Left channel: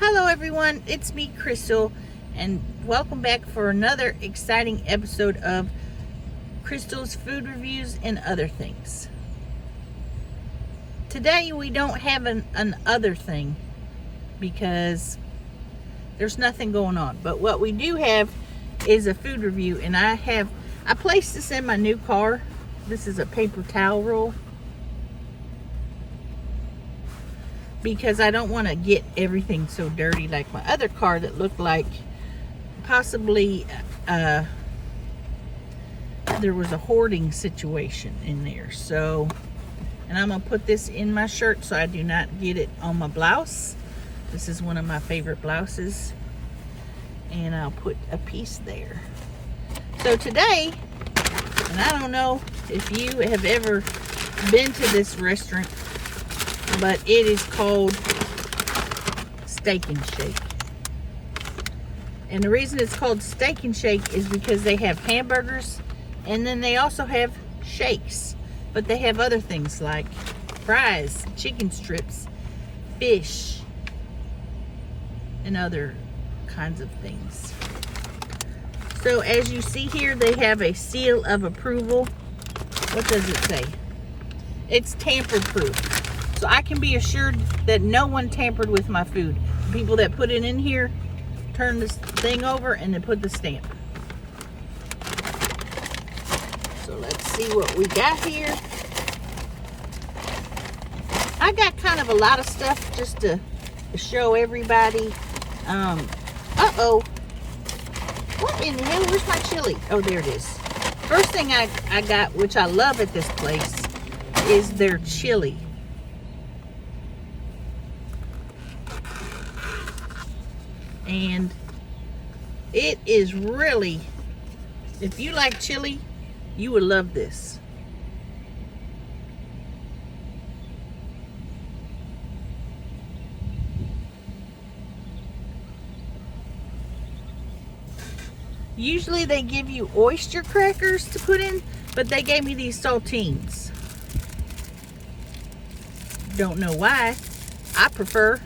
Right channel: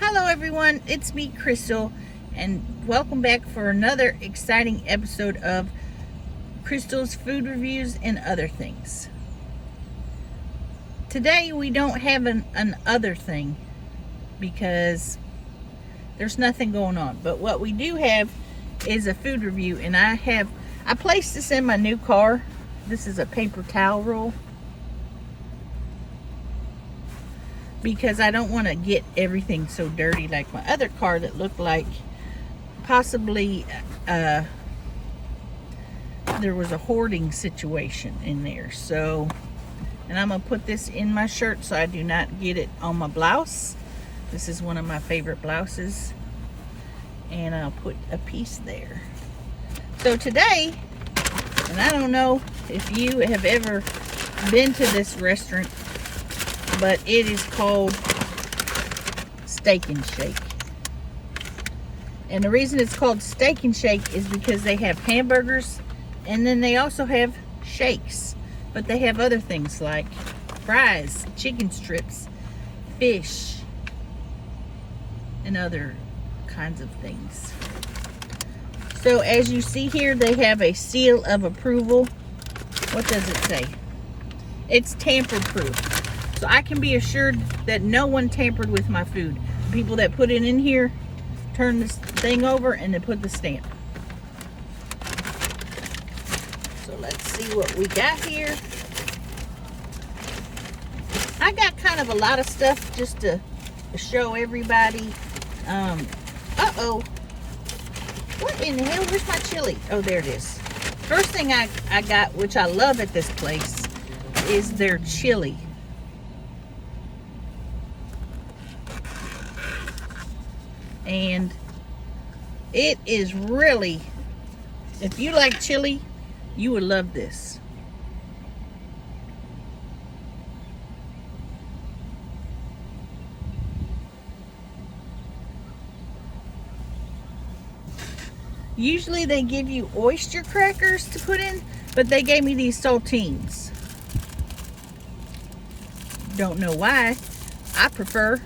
Hello everyone, it's me Crystal, and welcome back for another exciting episode of Crystal's Food Reviews and Other Things. Today we don't have an other thing because there's nothing going on, but what we do have is a food review, and I placed this in my new car. This is a paper towel roll because I don't want to get everything so dirty like my other car that looked like possibly there was a hoarding situation in there. So, and I'm gonna put this in my shirt so I do not get it on my blouse. This is one of my favorite blouses, and I'll put a piece there. So today, and I don't know if you have ever been to this restaurant, but it is called Steak and Shake. And the reason it's called Steak and Shake is because they have hamburgers, and then they also have shakes. But they have other things like fries, chicken strips, fish, and other kinds of things. So as you see here, they have a seal of approval. What does it say? It's tamper proof. So I can be assured that no one tampered with my food. The people that put it in here turn this thing over and then put the stamp. So let's see what we got here. I got kind of a lot of stuff just to show everybody. Uh-oh. What in the hell? Where's my chili? Oh, there it is. First thing I got, which I love at this place, is their chili. And it is really, if you like chili, you would love this. Usually they give you oyster crackers to put in, but they gave me these saltines. Don't know why. I prefer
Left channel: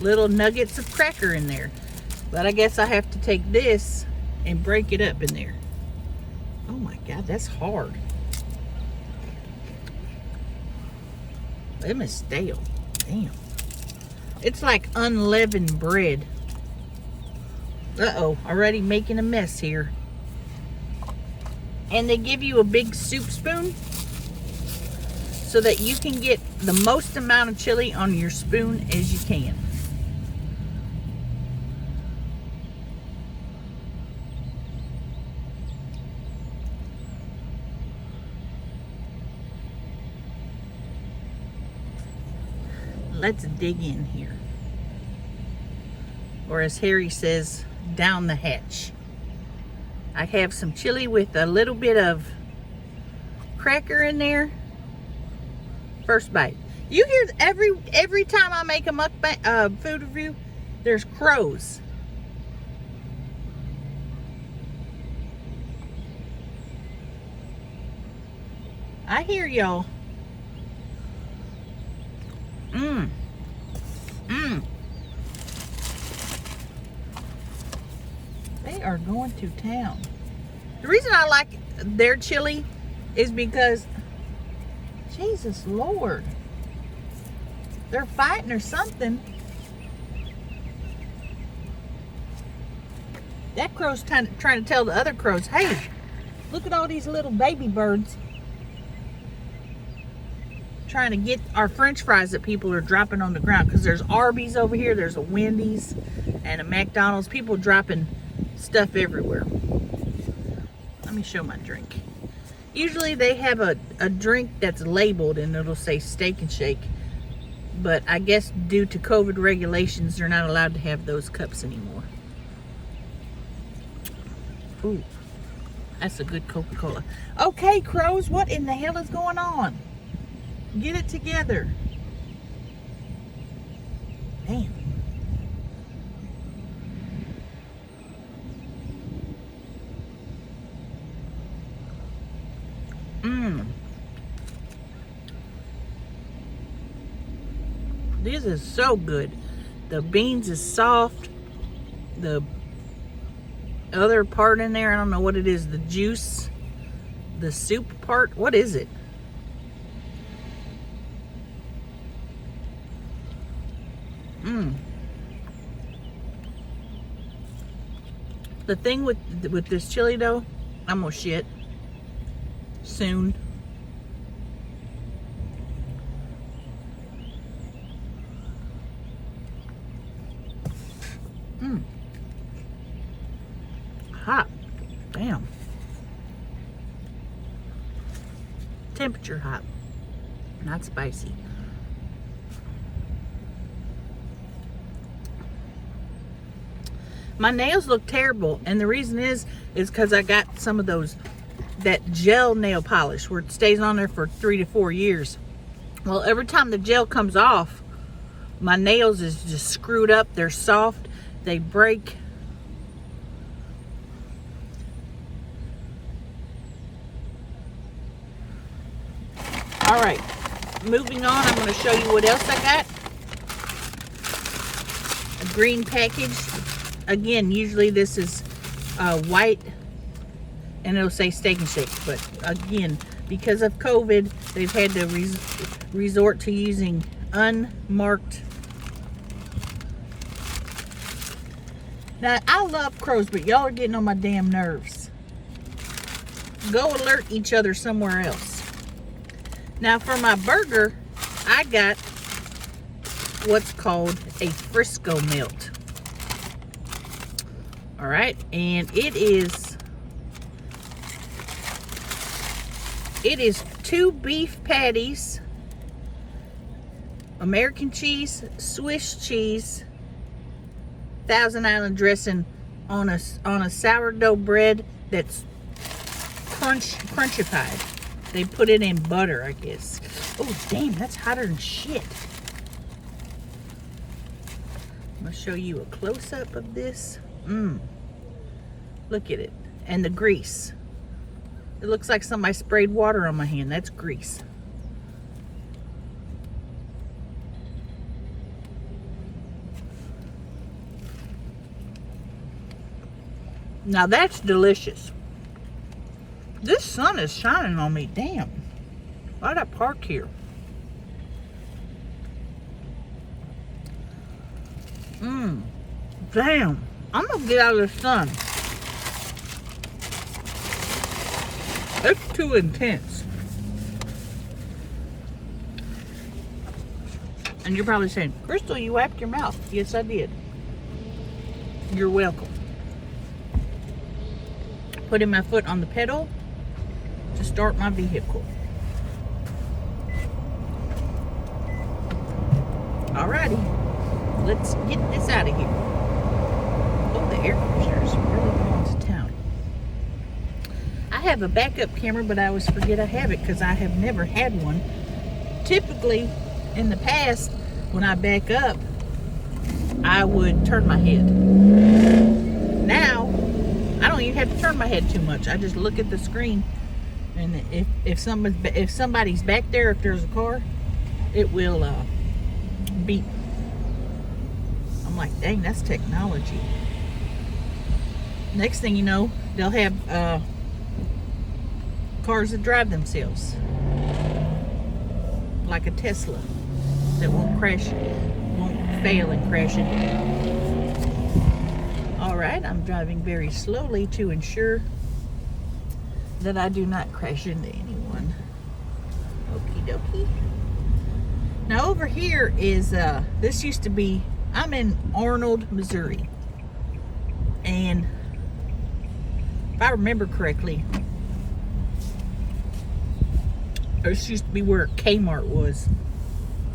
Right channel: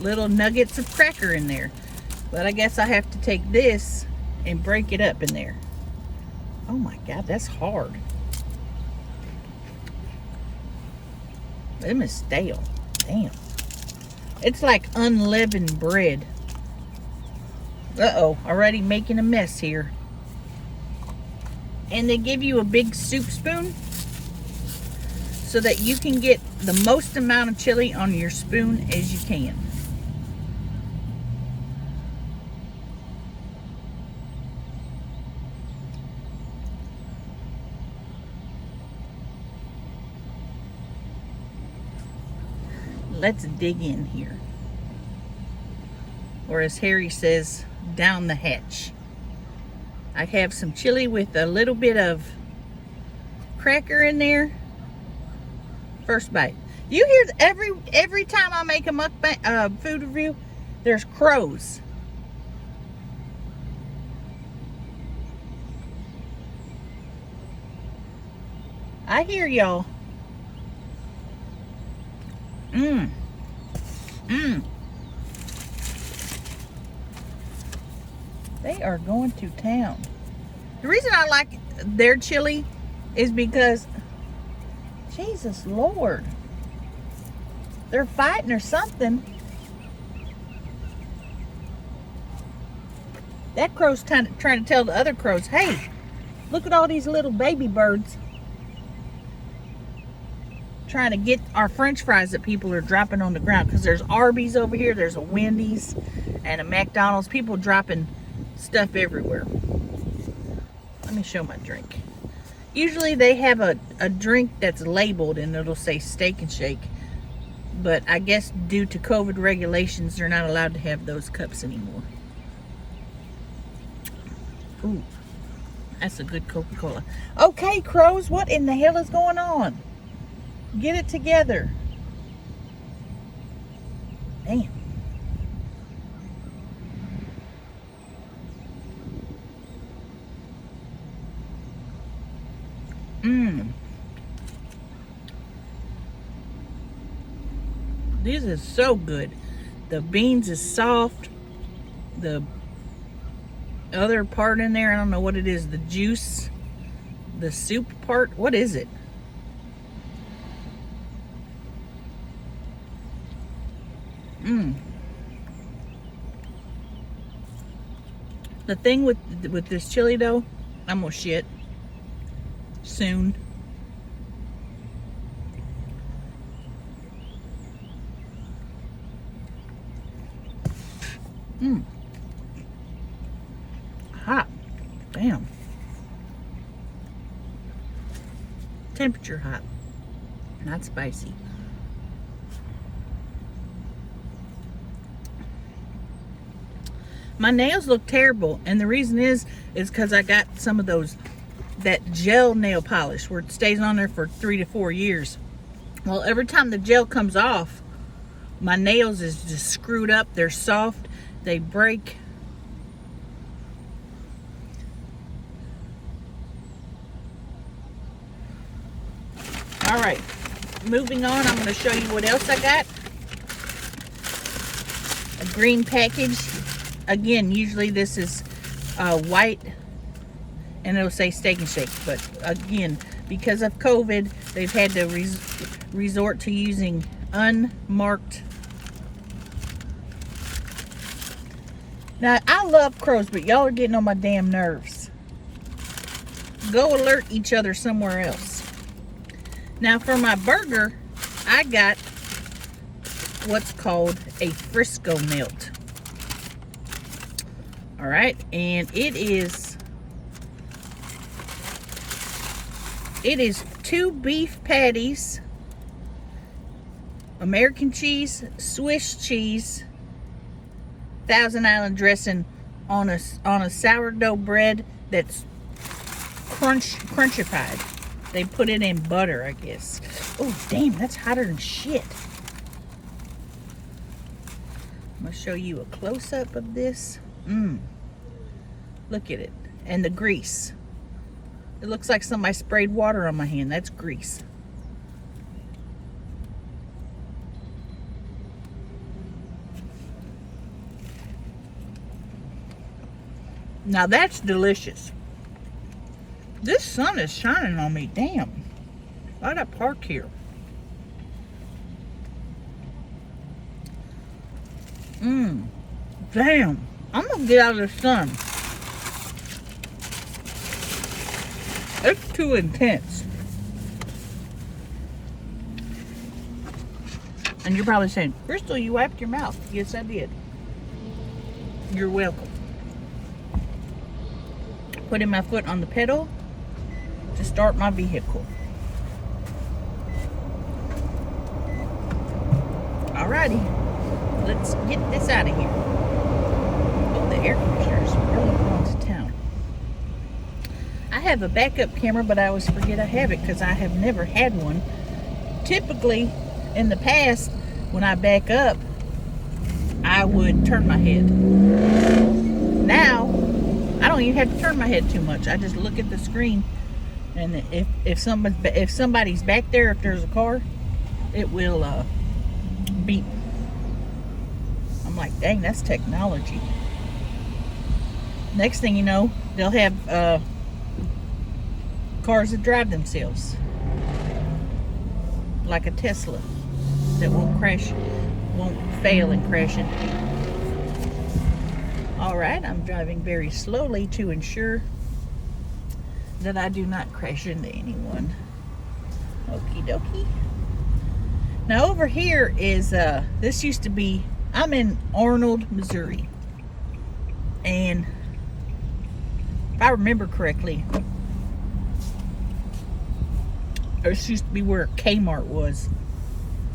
little nuggets of cracker in there. But I guess I have to take this and break it up in there. Oh my God, that's hard. Them is stale. Damn. It's like unleavened bread. Uh-oh, already making a mess here. And they give you a big soup spoon so that you can get the most amount of chili on your spoon as you can. Let's dig in here. Or as Harry says, down the hatch. I have some chili with a little bit of cracker in there. First bite. You hear every time I make a mukbang food review, there's crows. I hear y'all. They are going to town. The reason I like their chili is because, Jesus Lord, they're fighting or something. That crow's trying to tell the other crows, hey, look at all these little baby birds trying to get our french fries that people are dropping on the ground, because there's Arby's over here, there's a Wendy's and a McDonald's. People dropping stuff everywhere. Let me show my drink. Usually they have a drink that's labeled and it'll say Steak and Shake, but I guess due to COVID regulations they're not allowed to have those cups anymore. Ooh, that's a good Coca-Cola. Okay, crows, what in the hell is going on? Get it together. Damn. This is so good. The beans is soft. The other part in there, I don't know what it is. The juice, the soup part. What is it? The thing with this chili dough, I'm gonna shit soon. Hot. Damn. Temperature hot. Not spicy. My nails look terrible, and the reason is because I got some of that gel nail polish where it stays on there for 3 to 4 years. Well, every time the gel comes off, my nails is just screwed up. They're soft, they break. All right, moving on, I'm going to show you what else I got. A green package. Again, usually this is white and it'll say Steak and Shake, but again, because of COVID, they've had to resort to using unmarked. Now, I love crows, but y'all are getting on my damn nerves. Go alert each other somewhere else. Now, for my burger, I got what's called a Frisco melt. All right, and it is 2 beef patties, American cheese, Swiss cheese, Thousand Island dressing on a sourdough bread that's crunchified. They put it in butter, I guess. Oh, damn, that's hotter than shit. I'm gonna show you a close-up of this. Look at it. And the grease. It looks like somebody sprayed water on my hand. That's grease. Now that's delicious. This sun is shining on me. Damn. Why'd I park here? Damn. I'm gonna get out of the sun. It's too intense. And you're probably saying, Crystal, you wiped your mouth. Yes, I did. You're welcome. Putting my foot on the pedal to start my vehicle. Alrighty, let's get this out of here. Oh, the air conditioner is really going to town. I have a backup camera, but I always forget I have it because I have never had one. Typically, in the past, when I back up, I would turn my head. Now, I don't even have to turn my head too much. I just look at the screen, and if somebody's back there, if there's a car, it will beep. I'm like, dang, that's technology. Next thing you know, they'll have cars that drive themselves, like a Tesla that won't fail and crash into you. All right, I'm driving very slowly to ensure that I do not crash into anyone. Okie dokie. Now over here is, this used to be, I'm in Arnold, Missouri. And if I remember correctly, this used to be where Kmart was.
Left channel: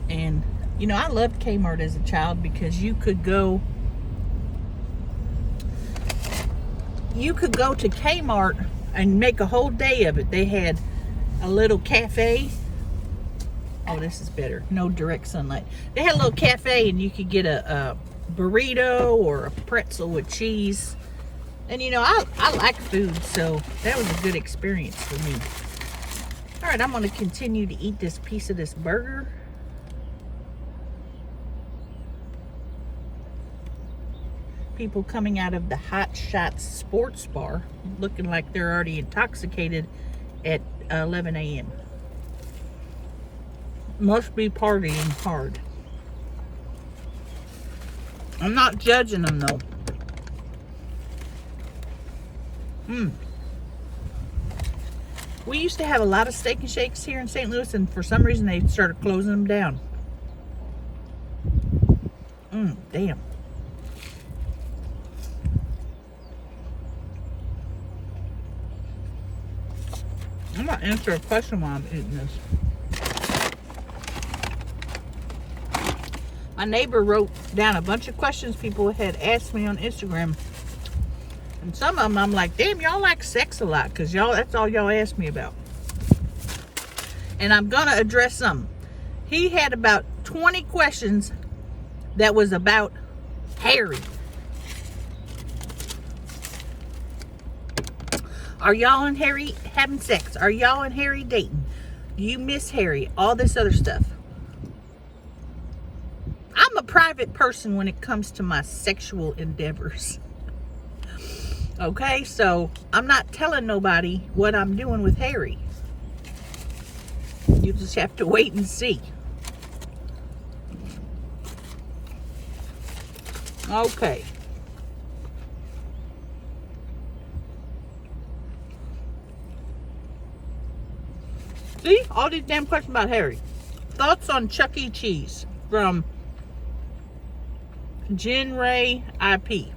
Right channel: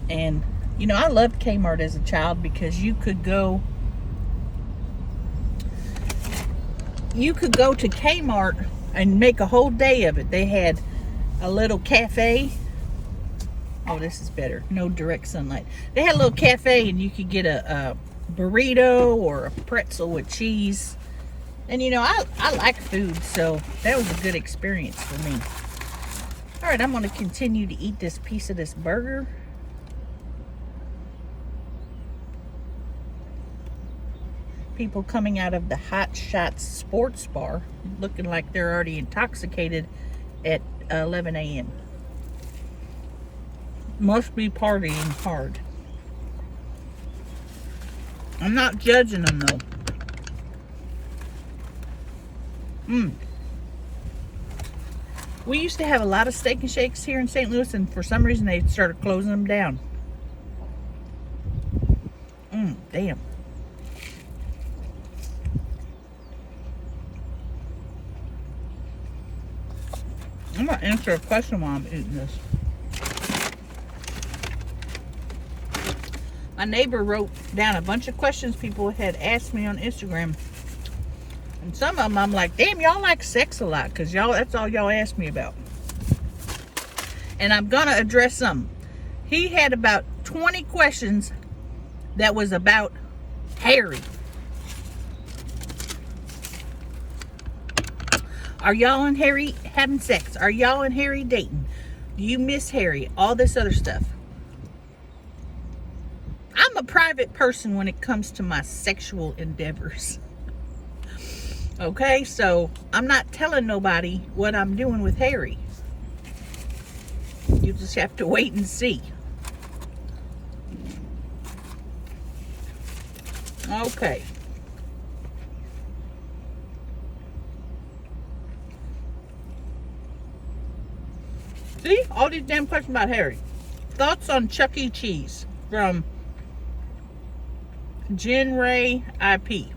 And, you know, I loved Kmart as a child because you could go to Kmart and make a whole day of it. They had a little cafe. Oh, this is better. No direct sunlight. They had a little cafe and you could get a burrito or a pretzel with cheese. And you know, I like food, so that was a good experience for me. All right, I'm going to continue to eat this piece of this burger. people coming out of the Hot Shots sports bar looking like they're already intoxicated at 11 a.m. Must be partying hard. I'm not judging them though. We used to have a lot of Steak and Shakes here in St. Louis, and for some reason they started closing them down. Damn. I'm gonna answer a question while I'm eating this. My neighbor wrote down a bunch of questions people had asked me on Instagram. And some of them I'm like, damn, y'all like sex a lot, because that's all y'all ask me about. And I'm gonna address some. He had about 20 questions that was about Harry. Are y'all and Harry having sex? Are y'all and Harry dating? Do you miss Harry? All this other stuff. I'm a private person when it comes to my sexual endeavors. Okay, so I'm not telling nobody what I'm doing with Harry. You just have to wait and see. Okay. See? All these damn questions about Harry. Thoughts on Chuck E. Cheese from Jen Ray IP.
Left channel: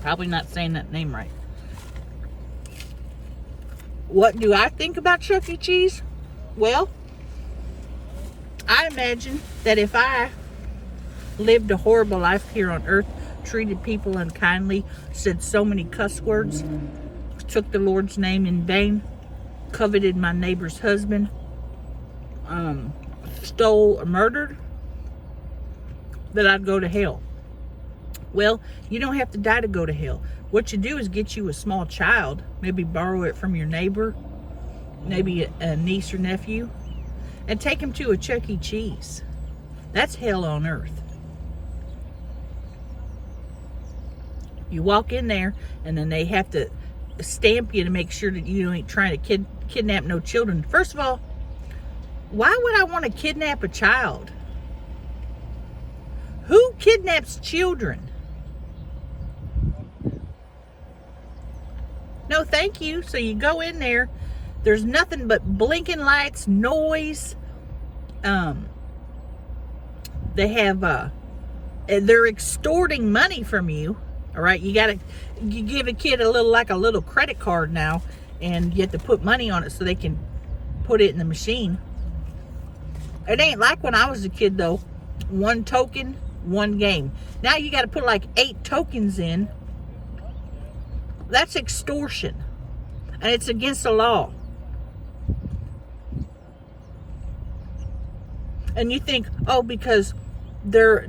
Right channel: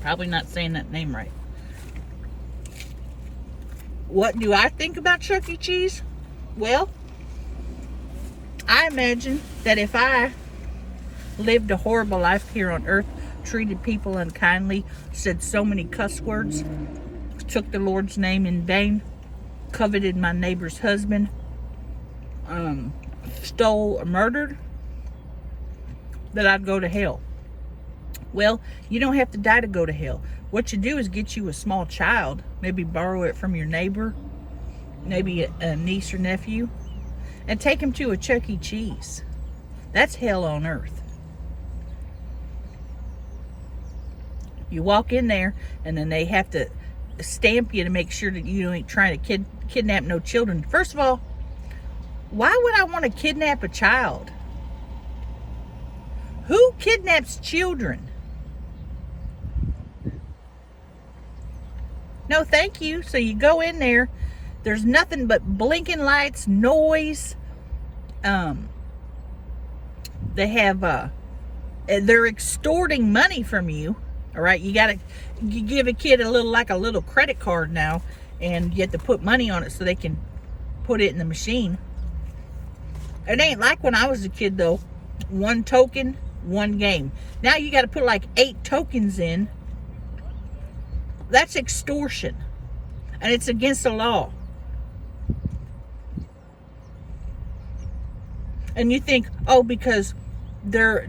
Probably not saying that name right. What do I think about Chuck E. Cheese? Well, I imagine that if I lived a horrible life here on earth, treated people unkindly, said so many cuss words, took the Lord's name in vain, coveted my neighbor's husband, stole or murdered, that I'd go to hell. Well, you don't have to die to go to hell. What you do is get you a small child, maybe borrow it from your neighbor, maybe a niece or nephew, and take him to a Chuck E. Cheese. That's hell on earth. You walk in there, and then they have to stamp you to make sure that you ain't trying to kidnap no children. First of all, why would I want to kidnap a child? Who kidnaps children? No, thank you. So you go in there, there's nothing but blinking lights, noise. They have, they're extorting money from you. All right, you give a kid a little credit card now, and you have to put money on it so they can put it in the machine. It ain't like when I was a kid though. One token, one game. Now you got to put like 8 tokens in. That's extortion, and it's against the law. And you think, oh, because they're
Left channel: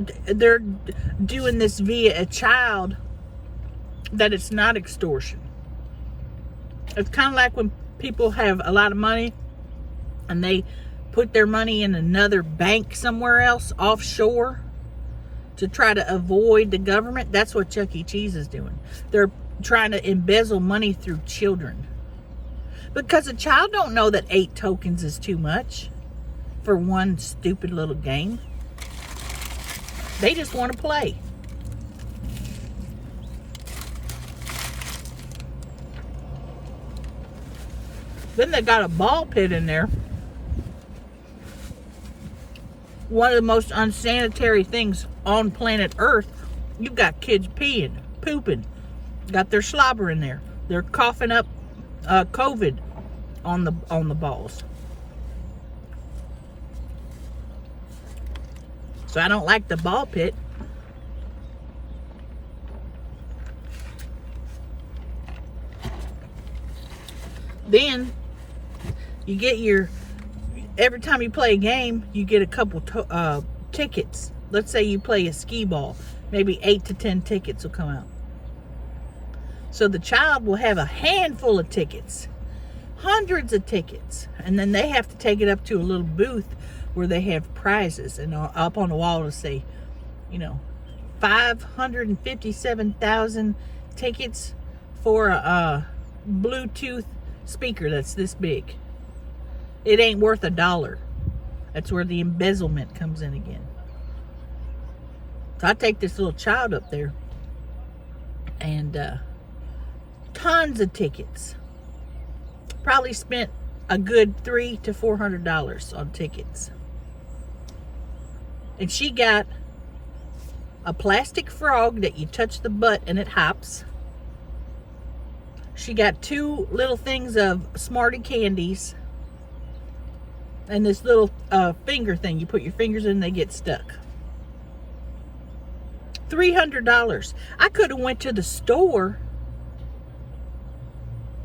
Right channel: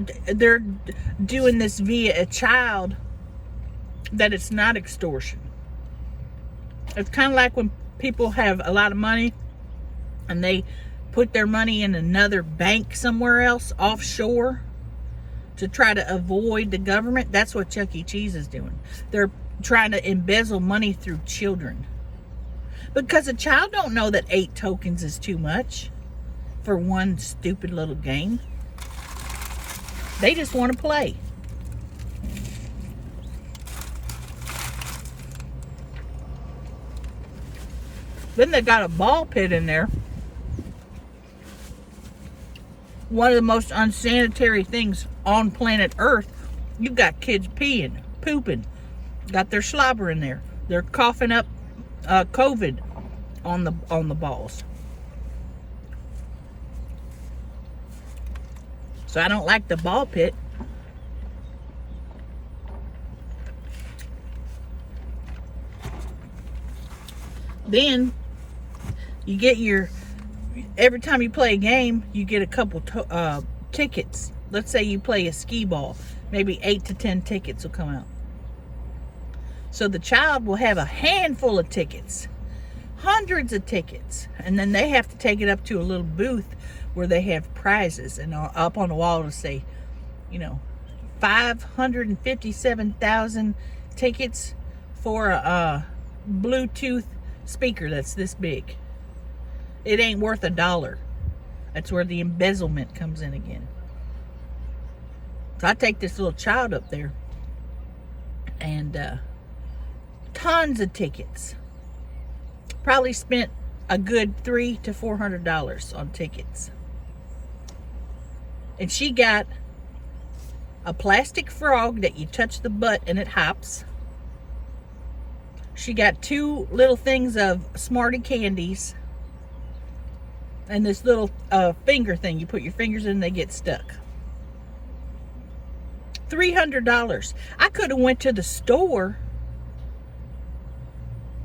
doing this via a child, that it's not extortion. It's kind of like when people have a lot of money and they put their money in another bank somewhere else offshore to try to avoid the government. That's what Chuck E. Cheese is doing. They're trying to embezzle money through children, because a child don't know that 8 tokens is too much for one stupid little game. They just want to play. Then they got a ball pit in there. One of the most unsanitary things on planet Earth. You've got kids peeing, pooping, got their slobber in there. They're coughing up COVID on the balls. So I don't like the ball pit. Then you get every time you play a game, you get a couple tickets. Let's say you play a skee ball, maybe 8 to 10 tickets will come out. So the child will have a handful of tickets, hundreds of tickets, and then they have to take it up to a little booth where they have prizes, and up on the wall to say, 557,000 tickets for a Bluetooth speaker that's this big. It ain't worth $1. That's where the embezzlement comes in again. So I take this little child up there, and tons of tickets. Probably spent a good $300 to $400 on tickets. And she got a plastic frog that you touch the butt and it hops. She got 2 little things of Smarty candies. And this little finger thing. You put your fingers in, they get stuck. $300. I could have went to the store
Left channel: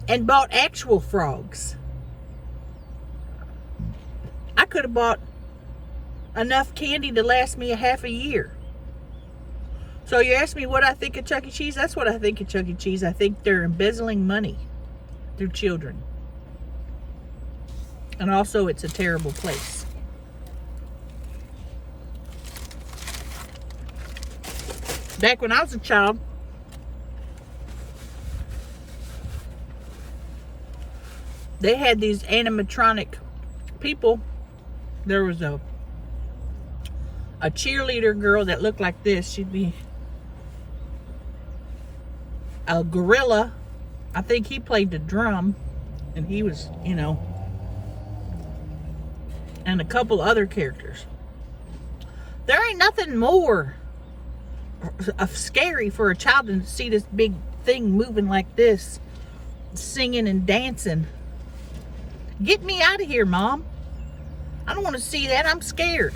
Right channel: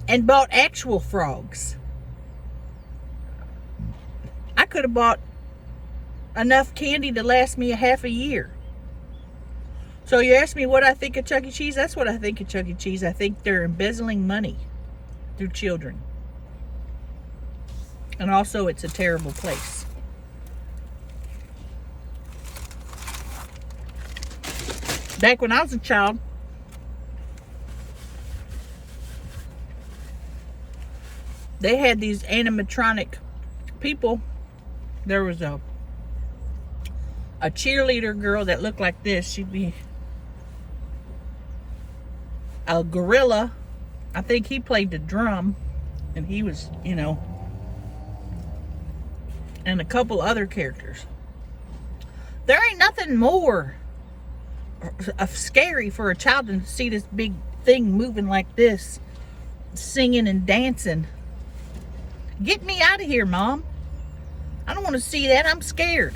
and bought actual frogs. I could have bought enough candy to last me a half a year. So you ask me what I think of Chuck E. Cheese? That's what I think of Chuck E. Cheese. I think they're embezzling money through children. And also, it's a terrible place. Back when I was a child, they had these animatronic people. There was a cheerleader girl that looked like this. She'd be a gorilla. I think he played the drum, and he was, you know, and a couple other characters. There ain't nothing more scary for a child than to see this big thing moving like this, singing and dancing. Get me out of here, Mom. I don't want to see that. I'm scared.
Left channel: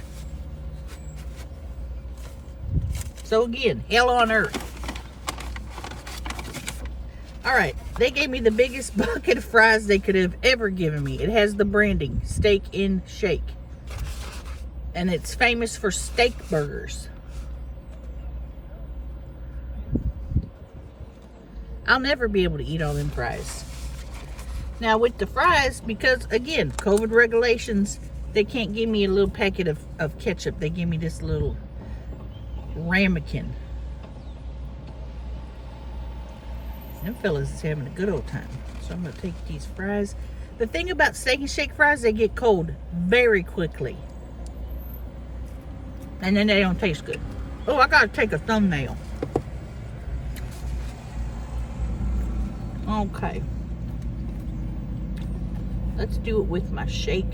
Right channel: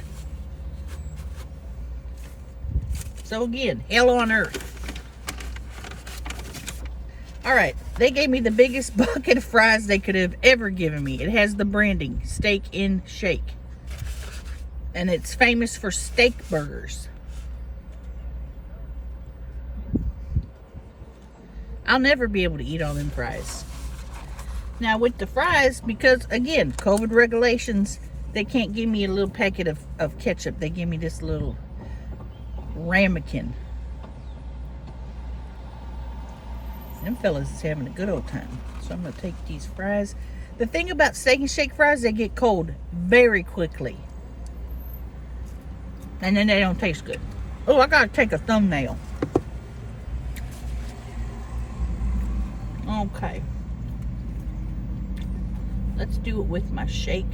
So again, hell on earth. All right, they gave me the biggest bucket of fries they could have ever given me. It has the branding, Steak and Shake. And it's famous for steak burgers. I'll never be able to eat all them fries. Now with the fries, because again, COVID regulations, they can't give me a little packet of ketchup. They give me this little ramekin. Them fellas is having a good old time. So I'm going to take these fries. The thing about Steak and Shake fries, they get cold very quickly. And then they don't taste good. Oh, I got to take a thumbnail. Okay. Let's do it with my shake.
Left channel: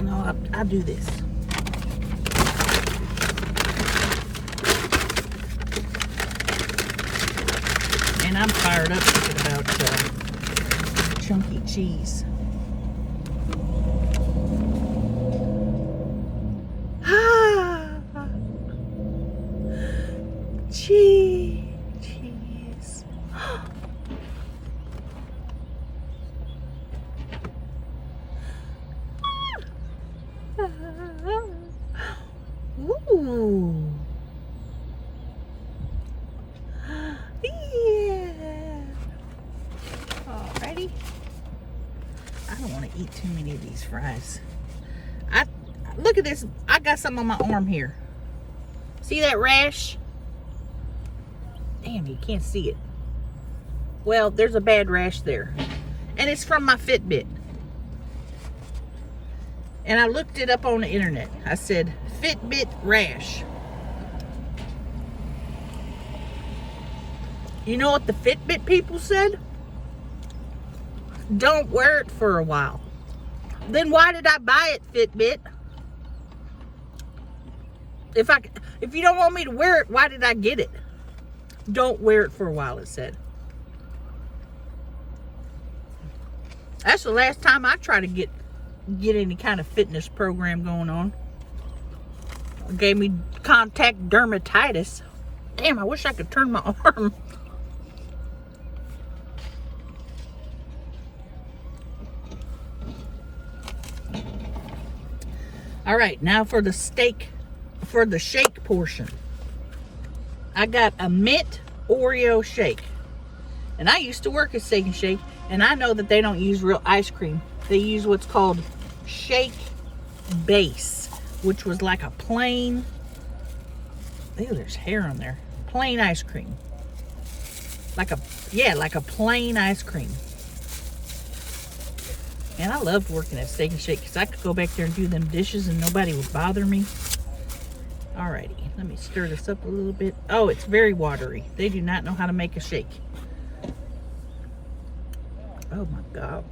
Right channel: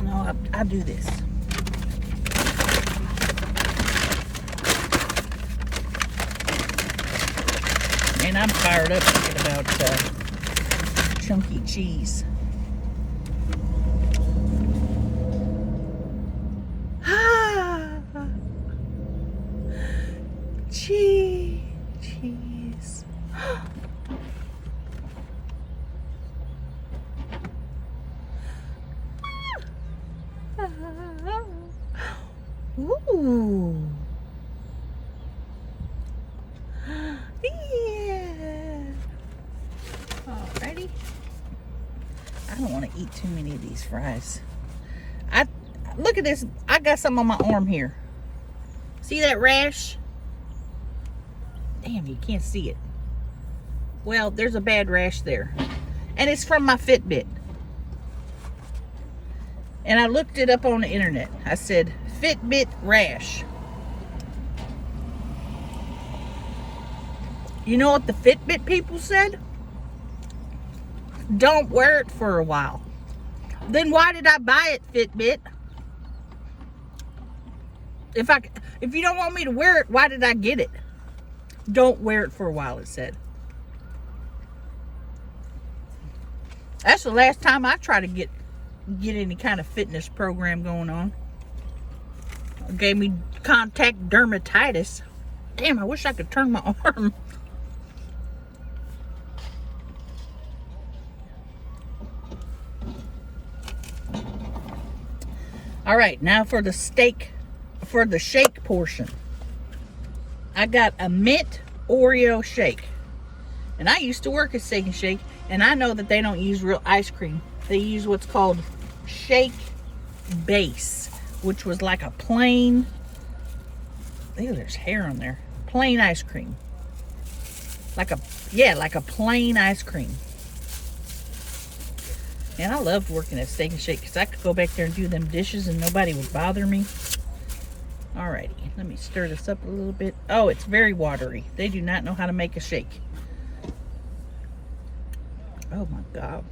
No, I'll do this. And I'm fired up thinking about chunky cheese. Cheese. Ooh. Yeah. Alrighty. I don't want to eat too many of these fries. Look at this. I got some on my arm here. See that rash? Damn, you can't see it. Well, there's a bad rash there. And it's from my Fitbit. And I looked it up on the internet. I said, Fitbit rash. You know what the Fitbit people said? Don't wear it for a while. Then why did I buy it, Fitbit? If you don't want me to wear it, why did I get it? Don't wear it for a while, it said. That's the last time I try to get any kind of fitness program going on. It gave me contact dermatitis. Damn, I wish I could turn my arm. All right, now for the shake portion. I got a mint Oreo shake. And I used to work at Steak and Shake, and I know that they don't use real ice cream. They use what's called shake base, which was like a plain Ew, there's hair on there. Plain ice cream. Like a plain ice cream. Man, I loved working at Steak and Shake because I could go back there and do them dishes and nobody would bother me. Alrighty, let me stir this up a little bit. Oh, it's very watery. They do not know how to make a shake. Oh my God.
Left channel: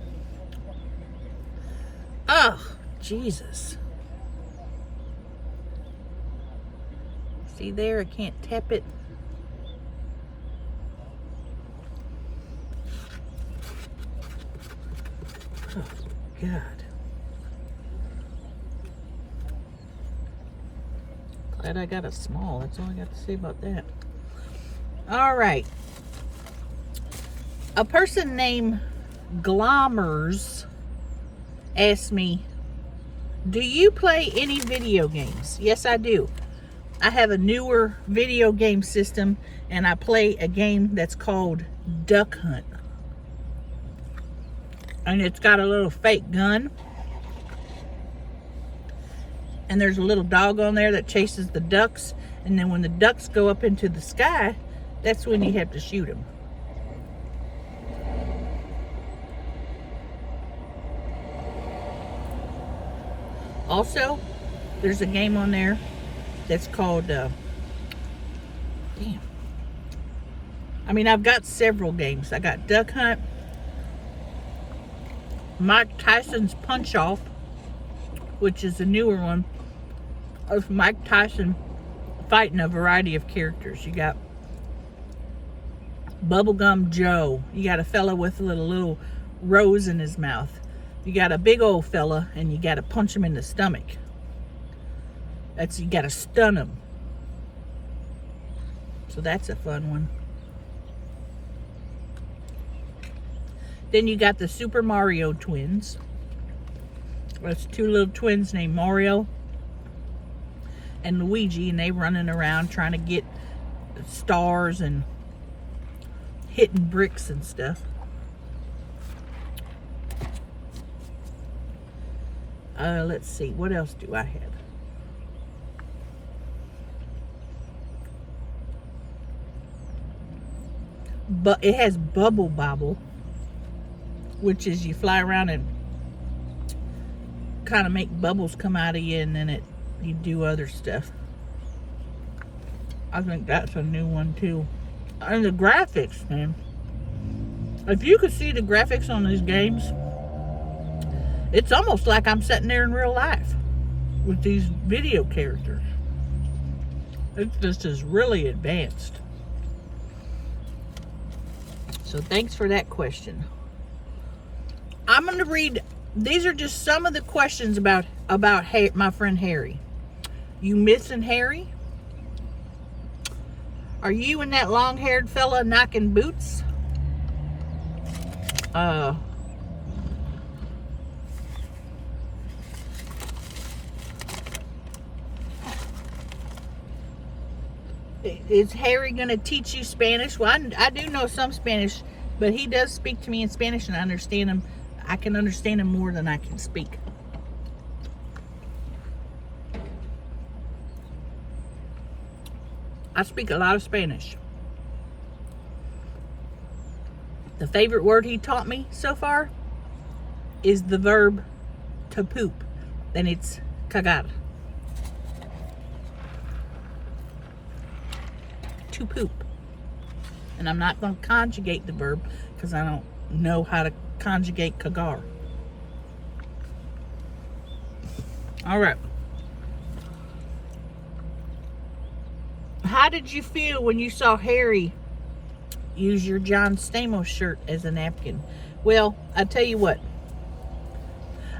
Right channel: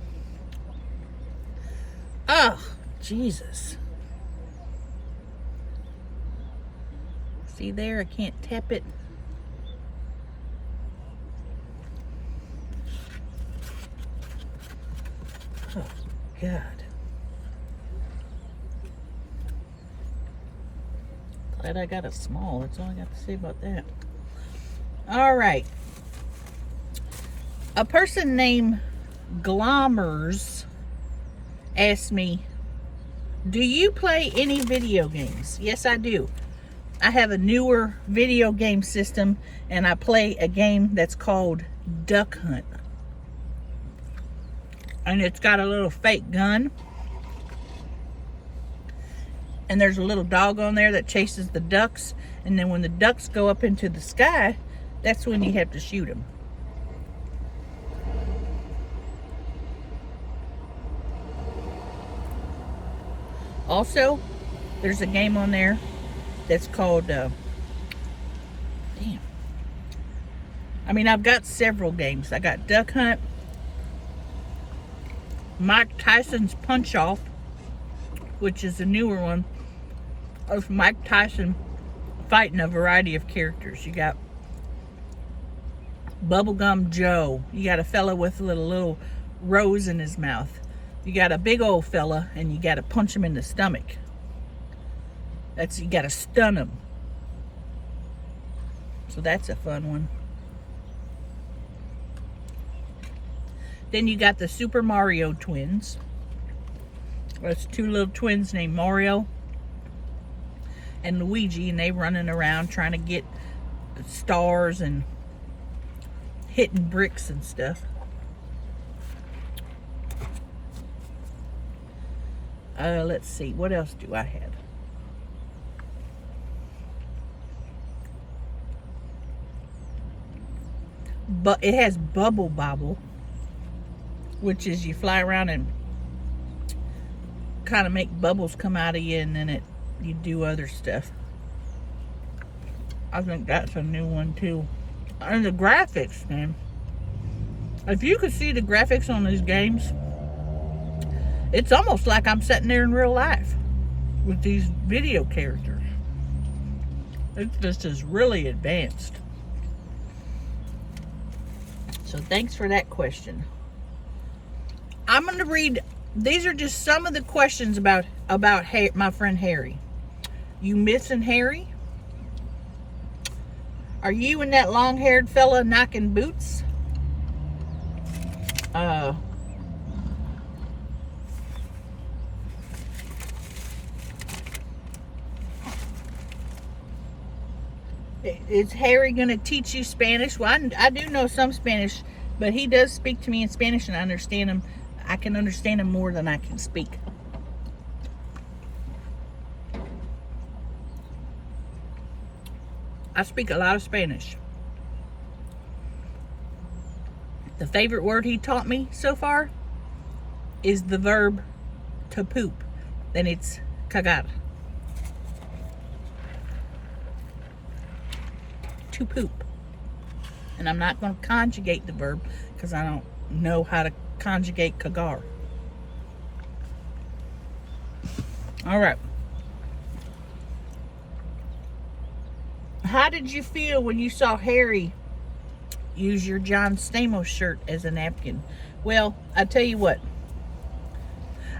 Oh, Jesus. See there, I can't tap it. Oh, God. Glad I got it small. That's all I got to say about that. All right. A person named Glommers asked me, do you play any video games? Yes, I do. I have a newer video game system, and I play a game that's called Duck Hunt. And it's got a little fake gun. And there's a little dog on there that chases the ducks. And then when the ducks go up into the sky, that's when you have to shoot them. Also, there's a game on there that's called, I've got several games. I got Duck Hunt, Mike Tyson's Punch Off, which is a newer one of Mike Tyson fighting a variety of characters. You got Bubblegum Joe. You got a fella with a little rose in his mouth. You got a big old fella, and you got to punch him in the stomach. You got to stun him. So that's a fun one. Then you got the Super Mario twins. That's two little twins named Mario and Luigi, and they running around trying to get stars and hitting bricks and stuff. Let's see, what else do I have? But it has Bubble Bobble, which is you fly around and kind of make bubbles come out of you, and then you do other stuff. I think that's a new one too. And the graphics, man. If you could see the graphics on these games, it's almost like I'm sitting there in real life with these video characters. It just is really advanced. So thanks for that question. I'm going to read, these are just some of the questions about my friend Harry. You missing Harry? Are you and that long-haired fella knocking boots? Is Harry going to teach you Spanish? Well, I do know some Spanish, but he does speak to me in Spanish, and I understand him. I can understand him more than I can speak. I speak a lot of Spanish. The favorite word he taught me so far is the verb to poop. Then it's cagar. To poop. And I'm not going to conjugate the verb because I don't know how to conjugate cagar. All right. How did you feel when you saw Harry use your John Stamos shirt as a napkin? Well, I tell you what.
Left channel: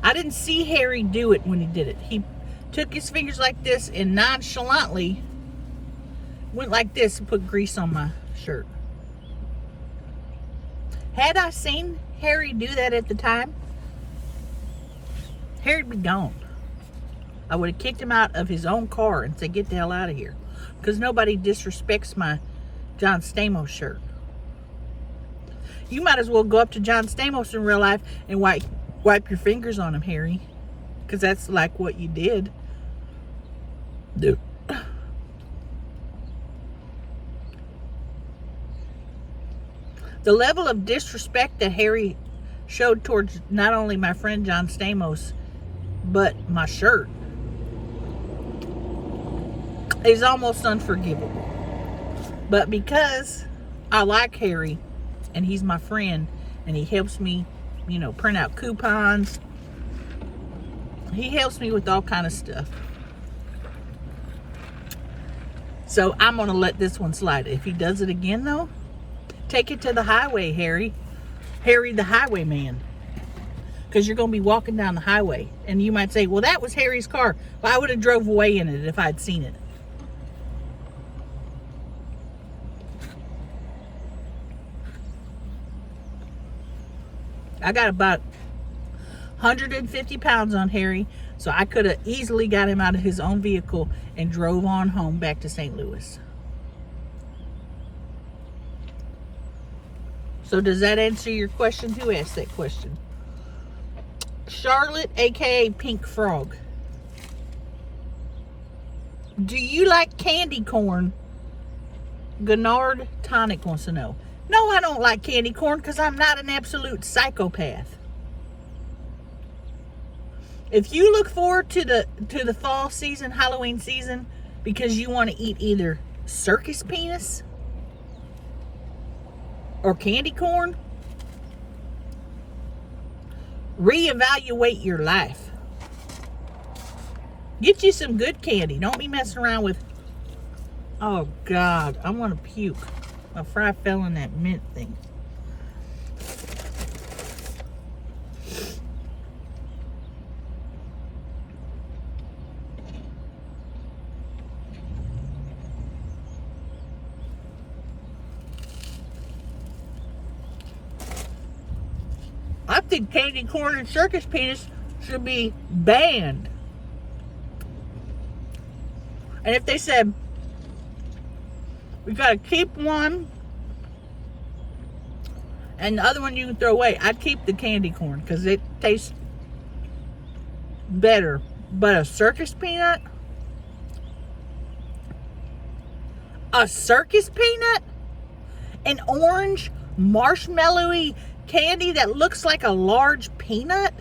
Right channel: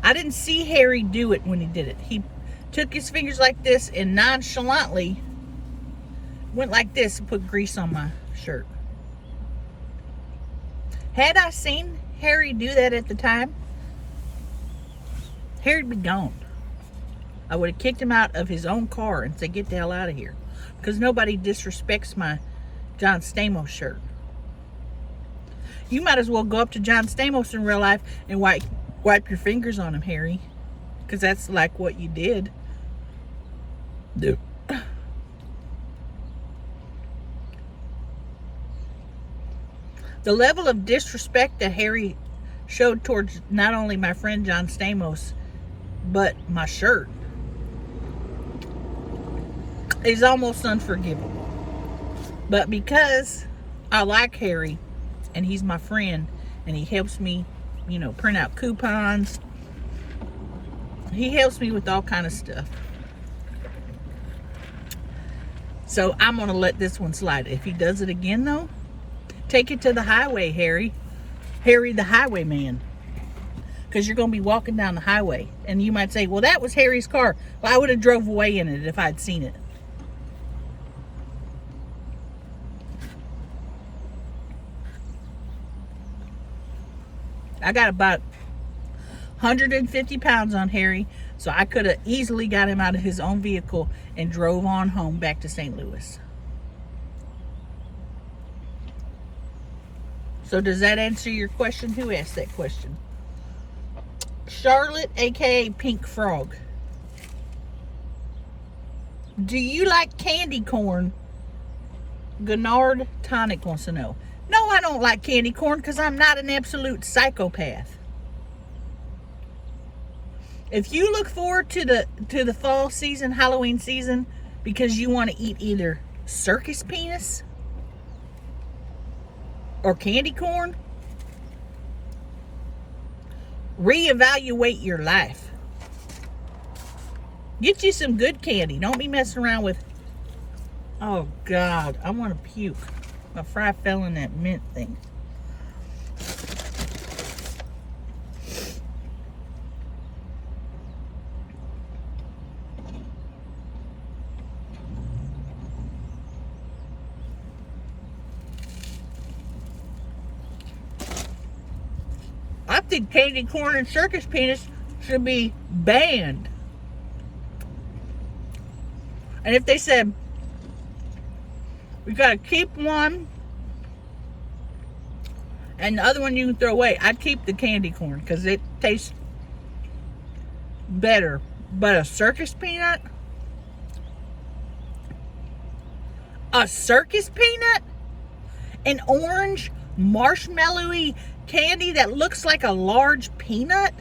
I didn't see Harry do it when he did it. He took his fingers like this and nonchalantly went like this and put grease on my shirt. Had I seen Harry do that at the time, Harry'd be gone. I would have kicked him out of his own car and said, get the hell out of here. Because nobody disrespects my John Stamos shirt. You might as well go up to John Stamos in real life and wipe your fingers on him, Harry. Because that's like what you did. The level of disrespect that Harry showed towards not only my friend John Stamos, but my shirt is almost unforgivable. But because I like Harry and he's my friend and he helps me, print out coupons. He helps me with all kind of stuff. So I'm going to let this one slide. If he does it again, though, take it to the highway, Harry. Harry the highwayman. Because you're going to be walking down the highway. And you might say, well, that was Harry's car. Well, I would have drove away in it if I'd seen it. I got about 150 pounds on Harry, so I could have easily got him out of his own vehicle and drove on home back to St. Louis. So does that answer your question? Who asked that question? Charlotte, aka Pink Frog. Do you like candy corn? Gennard Tonic wants to know. No, I don't like candy corn because I'm not an absolute psychopath. If you look forward to the fall season, Halloween season, because you want to eat either circus penis or candy corn, reevaluate your life. Get you some good candy. Don't be messing around with, oh God, I want to puke. My fry fell in that mint thing. I think candy corn and circus penis should be banned. And if they said, we gotta keep one and the other one you can throw away, I'd keep the candy corn because it tastes better. But a circus peanut? A circus peanut? An orange marshmallowy candy that looks like a large peanut?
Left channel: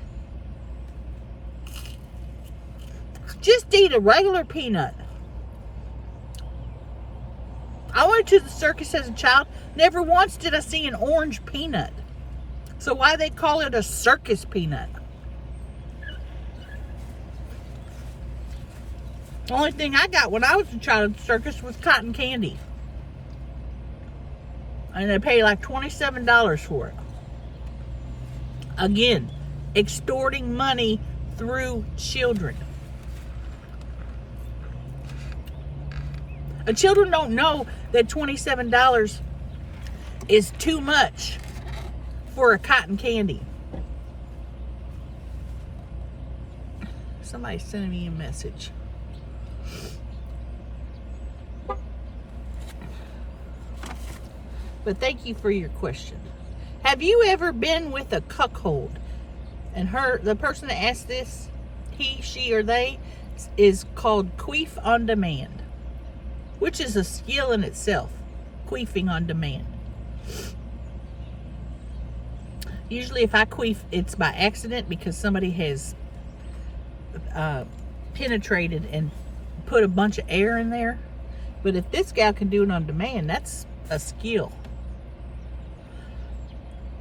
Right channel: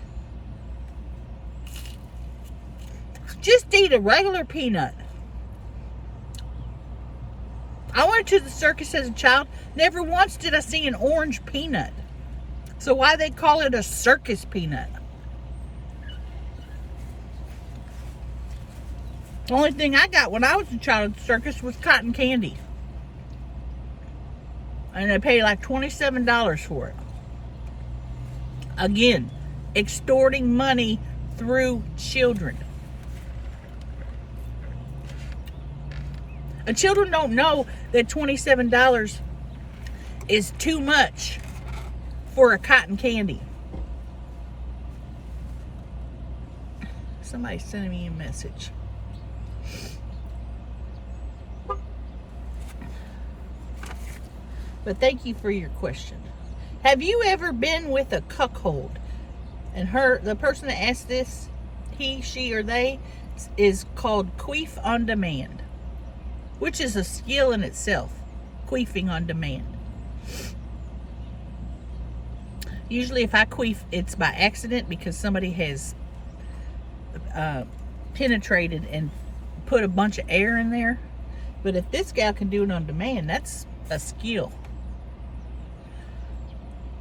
Just eat a regular peanut. I went to the circus as a child. Never once did I see an orange peanut. So why they call it a circus peanut? The only thing I got when I was a child at the circus was cotton candy. And they paid like $27 for it. Again, extorting money through children. Children don't know that $27 is too much for a cotton candy. Somebody's sending me a message. But thank you for your question. Have you ever been with a cuckold? And the person that asked this, he, she, or they, is called queef on demand, which is a skill in itself, queefing on demand. Usually if I queef, it's by accident because somebody has penetrated and put a bunch of air in there. But if this gal can do it on demand, that's a skill.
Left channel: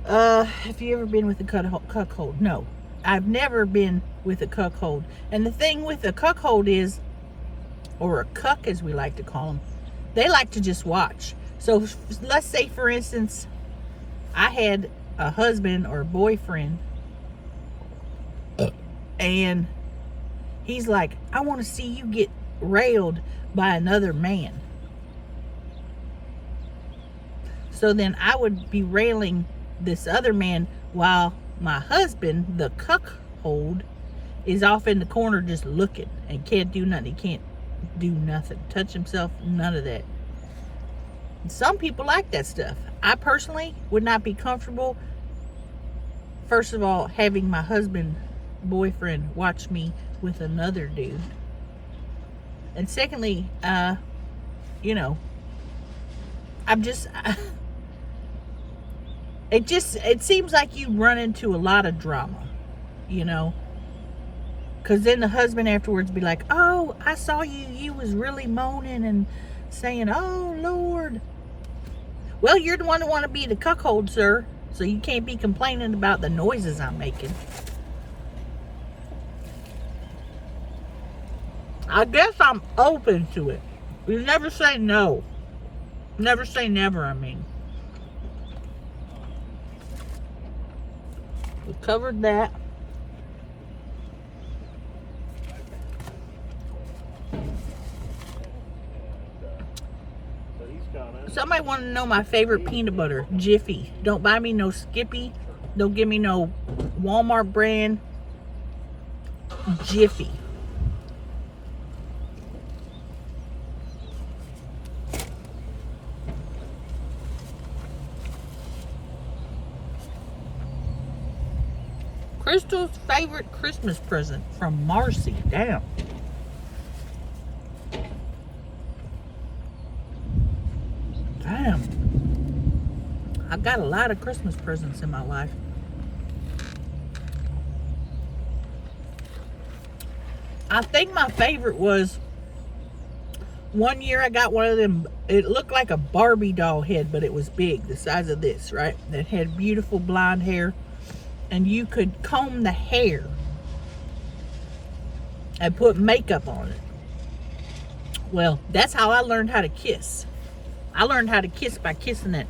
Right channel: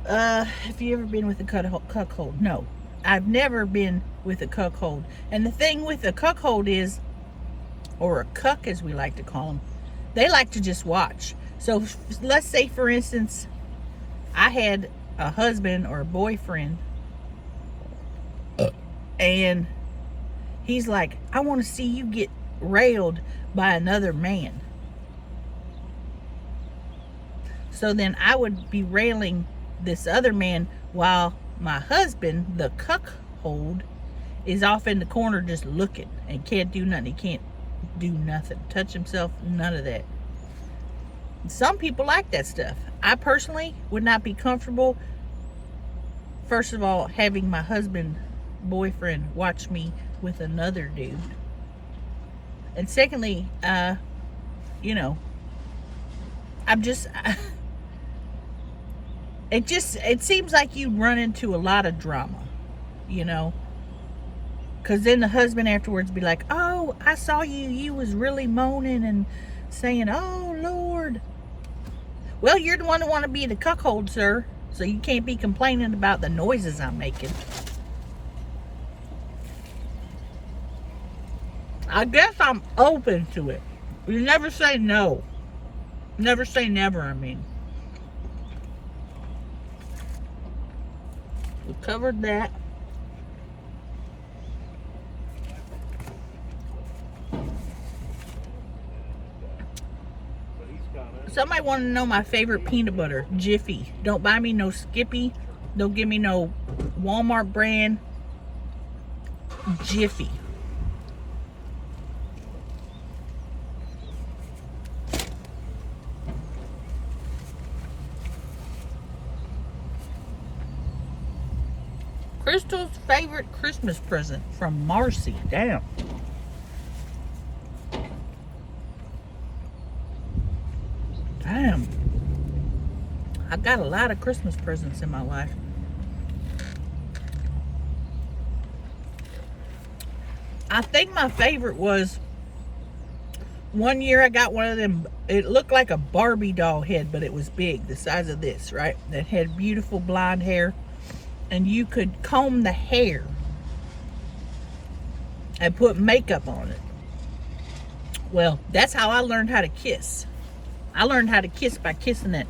Have you ever been with a cuckold? No, I've never been with a cuckold. And the thing with a cuckold is, or a cuck as we like to call them, they like to just watch. So let's say, for instance, I had a husband or a boyfriend and he's like, I want to see you get railed by another man. So then I would be railing this other man while my husband, the cuckold, is off in the corner just looking and can't do nothing. He can't do nothing, touch himself, none of that. Some people like that stuff. I personally would not be comfortable, first of all, having my husband, boyfriend, watch me with another dude. And secondly, it seems like you run into a lot of drama, you know, because then the husband afterwards be like, oh, I saw you was really moaning and saying, oh Lord. Well, you're the one that want to be the cuckold, sir, so you can't be complaining about the noises I'm making. I guess I'm open to it. You never say no. Never say never, I mean. We covered that. Somebody want to know my favorite peanut butter. Jiffy. Don't buy me no Skippy. Don't give me no Walmart brand. Jiffy. Crystal's favorite Christmas present from Marcy. Damn. Damn. I've got a lot of Christmas presents in my life. I think my favorite was one year I got one of them. It looked like a Barbie doll head, but it was big, the size of this, right? That had beautiful blonde hair. And you could comb the hair and put makeup on it. Well, that's how I learned how to kiss. I learned how to kiss by kissing that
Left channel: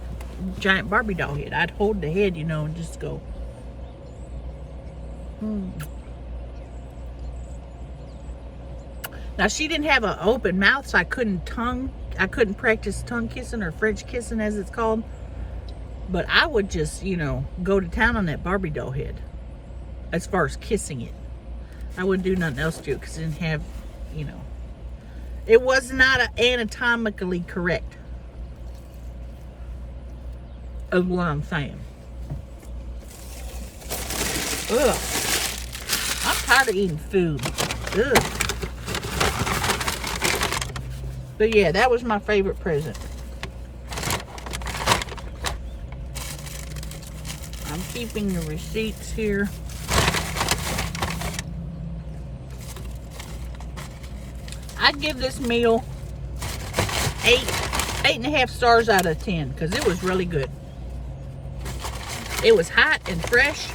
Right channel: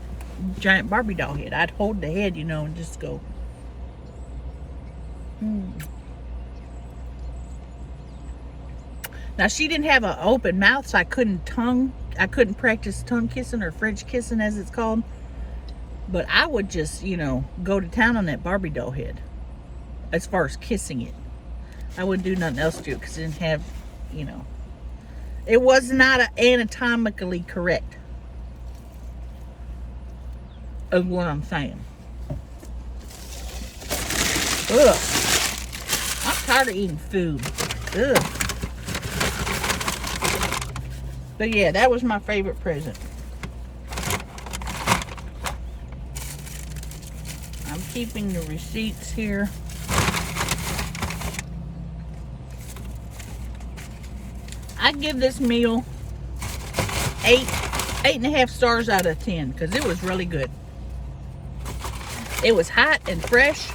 giant Barbie doll head. I'd hold the head, you know, and just go. Now, she didn't have an open mouth, so I couldn't practice tongue kissing, or French kissing as it's called. But I would just, you know, go to town on that Barbie doll head as far as kissing it. I wouldn't do nothing else to it because it didn't have, you know, it was not anatomically correct. Is what I'm saying. Ugh. I'm tired of eating food. Ugh. But yeah, that was my favorite present. I'm keeping the receipts here. I'd give this meal 8.5 stars out of 10 because it was really good. It was hot and fresh.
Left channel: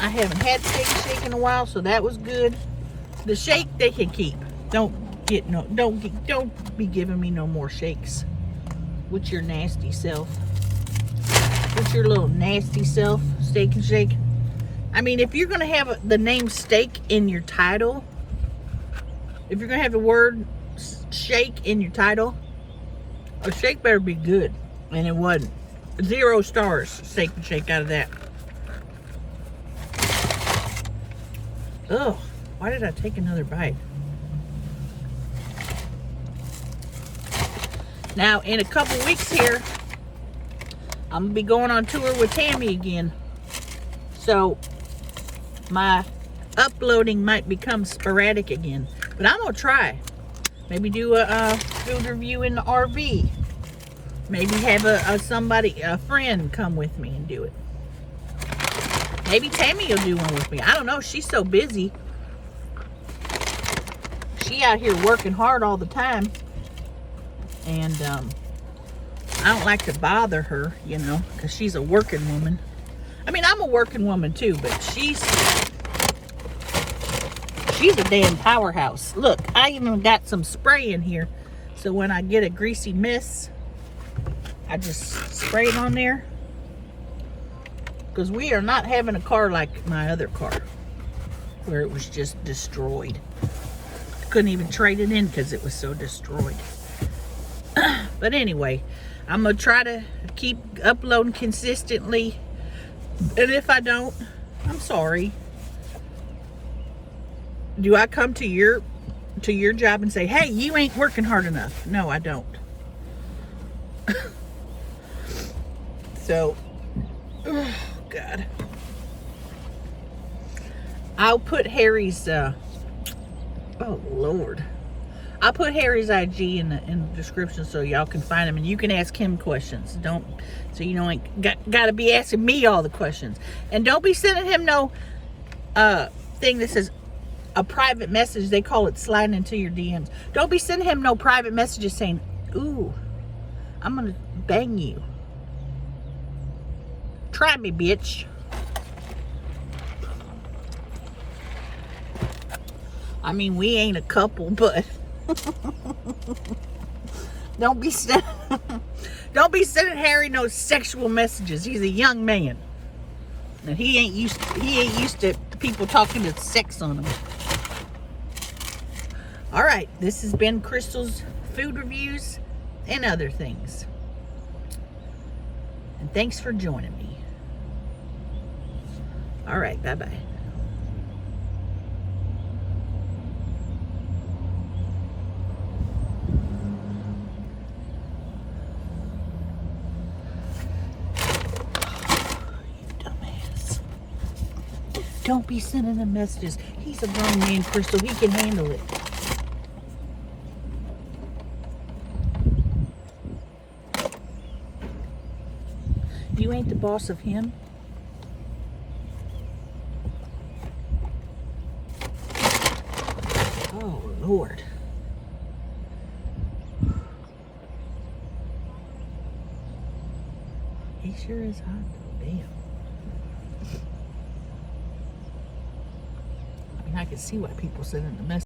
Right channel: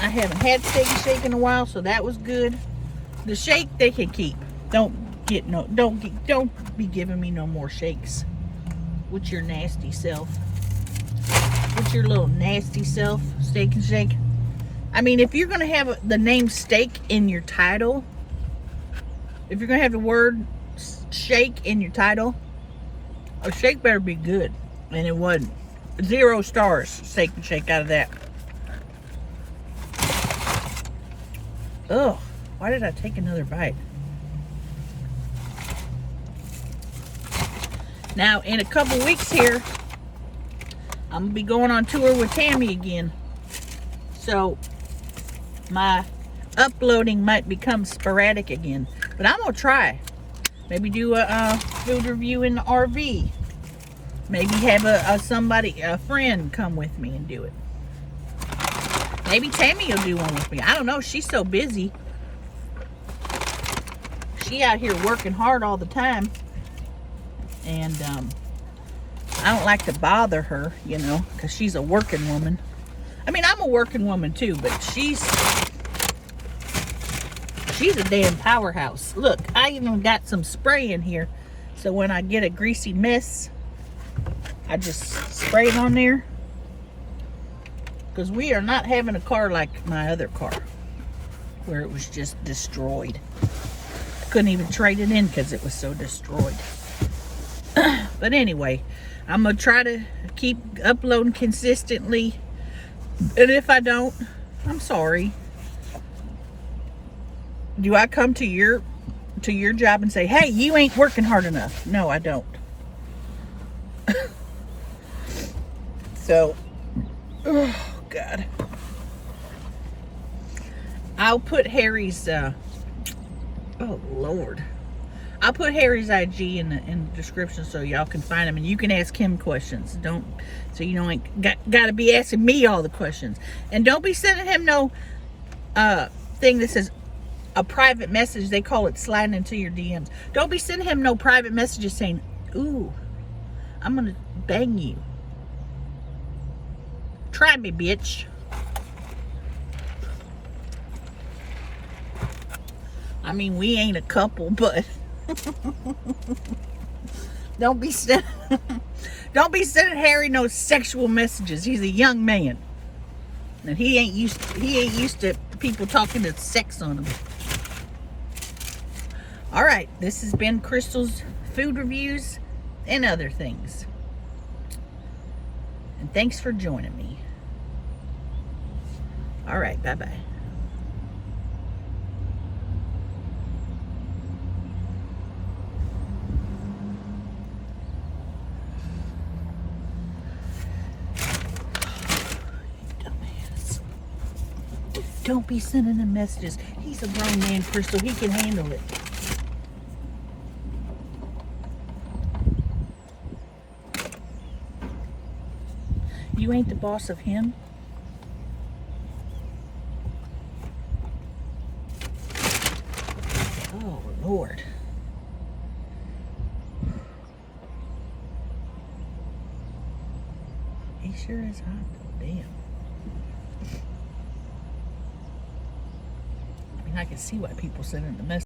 I haven't had steak and shake in a while, so that was good. The shake they can keep. Don't be giving me no more shakes with your nasty self. With your little nasty self, Steak and Shake. I mean, if you're gonna have the name steak in your title, if you're gonna have the word shake in your title, a shake better be good. And it wasn't. 0 stars, Steak and Shake, out of that. Ugh, why did I take another bite? Now, in a couple weeks here, I'm gonna be going on tour with Tammy again. So, my uploading might become sporadic again. But I'm gonna try. Maybe do a food review in the RV. Maybe have a friend come with me and do it. Maybe Tammy will do one with me. I don't know. She's so busy. She out here working hard all the time. And I don't like to bother her, you know, because she's a working woman. I mean, I'm a working woman too, but she's a damn powerhouse. Look, I even got some spray in here. So when I get a greasy mess, I just spray it on there. Because we are not having a car like my other car, where it was just destroyed. I couldn't even trade it in because it was so destroyed. But anyway, I'm going to try to keep uploading consistently. And if I don't, I'm sorry. Do I come to your job and say, hey, you ain't working hard enough? No, I don't. So, oh, God. I'll put Harry's, oh, Lord. I'll put Harry's IG in the description so y'all can find him, and you can ask him questions. So you ain't got to be asking me all the questions. And don't be sending him no thing that says a private message. They call it sliding into your DMs. Don't be sending him no private messages saying, "Ooh, I'm gonna bang you. Try me, bitch." I mean, we ain't a couple, but don't be sending Harry no sexual messages. He's a young man, and he ain't used to people talking to sex on him. All right, this has been Crystal's food reviews and other things, and thanks for joining me. All right, bye-bye. Don't be sending him messages. He's a grown man, Crystal. He can handle it. You ain't the boss of him. Oh, Lord. He sure is hot, though. Damn. I can see why people send in the message.